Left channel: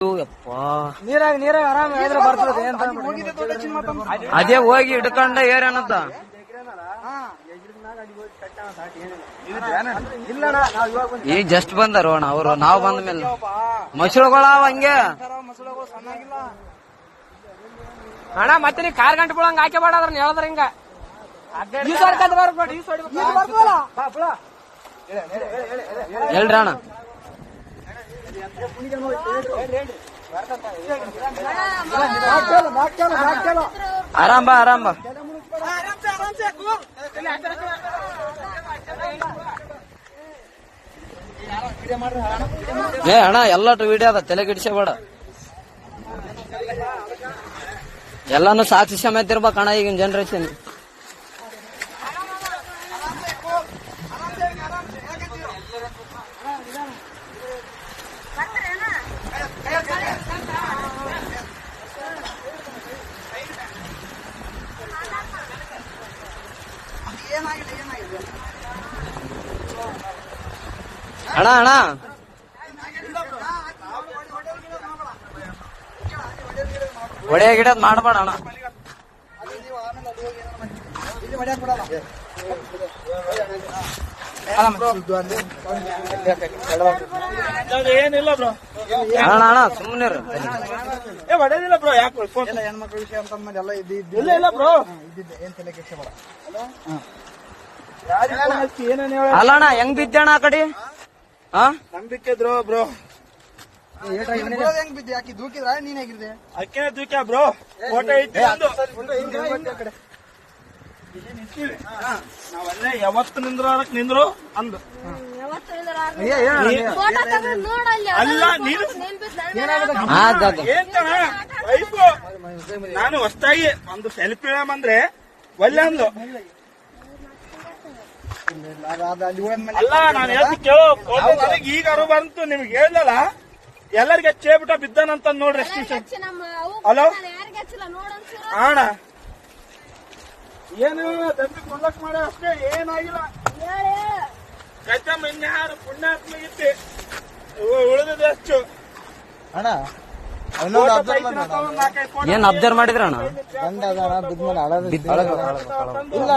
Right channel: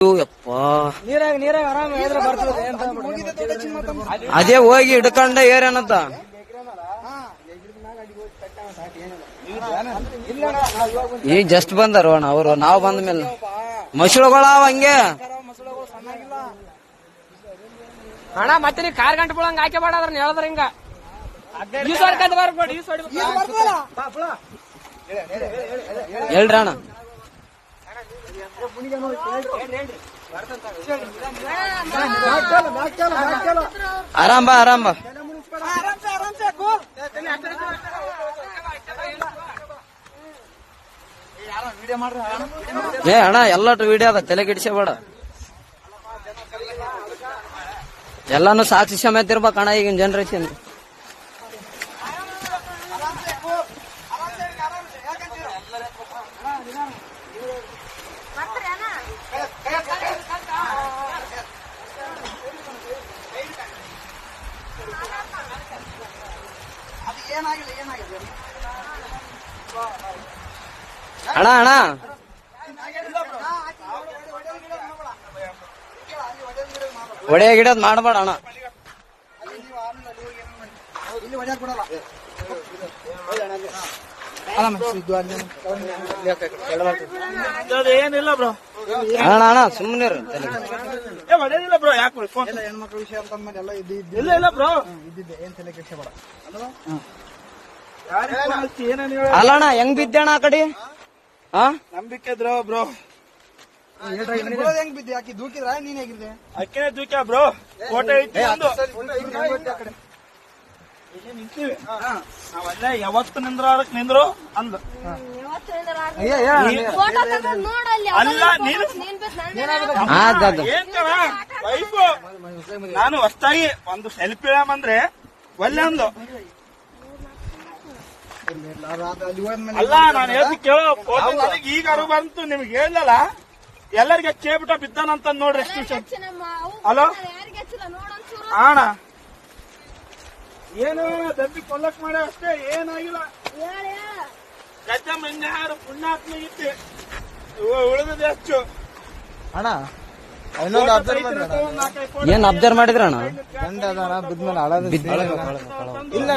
ನೀರಾಗ ಆರಾಮ ಬರ್ತದೆ. ಅದೇ ಹೋಗಿ ಹಿಡ್ಕೊಂಡ ಏರೇನಂತ ಈಗ ಜಸ್ಟ್ ಬಂದಾರ ಅಣ್ಣ ಅವ್ರು. ನಾವ್ ಬಂದ ಮೇಲೆ ಮಸಳುಗಳಾವ ಹಂಗೆ ಅಣ್ಣ. ಮತ್ತೆ ನೀ ಕಾರ್ ಗಂಟೆ ಬಿಡಂಗ ಹಾಕಿ ಬೇಡ ಅದ್ರ ಹೇಳದ್ರ ಹಿಂಗ ಹೇಳ್ರಿ ಅಣ್ಣ. ಆರಾಮ್ ಬಾ ಆರಾಮ್ ಬಾ. ಏ ಅಣ್ಣ ಎಲ್ಲಟು ವಿಡಿಯೋ ಆಗ ತಲೆ ಗಿಡಿಸಬೇಡ. ಎಲ್ಲಾನು ಸಾಕ್ಷಿ ಸಮೇತ ಇರ್ಬೇಕಣ್ಣ ಈಗಿನ ಜನರೇಷನ್. ಅಣ್ಣ ಅಣ್ಣ ಒಡೆಯ ಗಿಡದ್ ಮಾಡಬೇಡ ಅಣ್ಣ. ಏನಿಲ್ಲ ಬ್ರೋ ಅಣ್ಣ ಅಣ್ಣ ಸುಮ್ಮನೆ ಹೊಡೆದಿಲ್ಲ ಬ್ರೋ. ಯಾಕೆ ಹೆಣ್ಮಕ್ಳ ವಿಷಯ ಅಂತ ಎಲ್ಲ ಇಲ್ಲ ಬ್ರೋ. ಏನ್ ತಲೆ ಕೆಡ್ಸಬೇಡ. ಅಲ್ಲ ಅಣ್ಣ ಹೆಂಗ್ ಬಿದ್ದಣ್ಣ ಆ ಕಡೆ? ನಂಬಿಕೆ ಇದ್ರು ಬ್ರೋ. ಹೆಂಗ್ ಬಿದ್ದೆ? ಆಕಿ ದೂಕಿದ್ರ ನೀನ್ ಹೇಗಿದ್ದೆ? ಅಕ್ಕಿನೇ ದೂಕ್ಯ ಬ್ರೋ. ಫೋಟೋ ಇಟ್ಟು ನಾವಲ್ಲೇ ಯಾವತ್ತು ನಿಂದ್ರಾಡಕ್ ನಿಂದ್ರು ಅಂದು. ನಾನು ಹೊಸ್ತಾಗಿ ಒಂದು ಸೆಲ್ಫಿ ಅಂದ್ರೆ ಒಲ್ಲೆ ಅಂದ್ಲು. ಅಲ್ಲ ನಾನು ಹೇಳ್ತಿ ಕೇಳೋ ಫೋಟೋ ನನಗೆ ಈಗ ಅರು ಬಂತು. ನಿಮ್ಗೆ ಹೇಳಲ್ಲ ಎಲ್ಲರಿಗೆ ಚೇಬಿಟ ಬಿದ್ದಾನಂತ ನೋಡ್ರಿ. ಹಲೋ ಅಣ್ಣ ಏನು ದಂಬಿ ಕೊಲ್ಲಕ್ ಮಾಡ ಅಷ್ಟೇ, ಏನಾಗಿಲ್ಲ. ಕಚ್ಚಮ್ಮ ಇನ್ಯಾರು ಪುಣ್ಯಾತ್ಮಗಿತ್ತೆ ಉಳಿದಿದೆ ಅಷ್ಟು ಅಣ್ಣ. ಏನ್ ಅಬ್ಸರ್ವ್ ಮಾಡಿದ್ರ ಅಣ್ಣ? ಇಲ್ಲ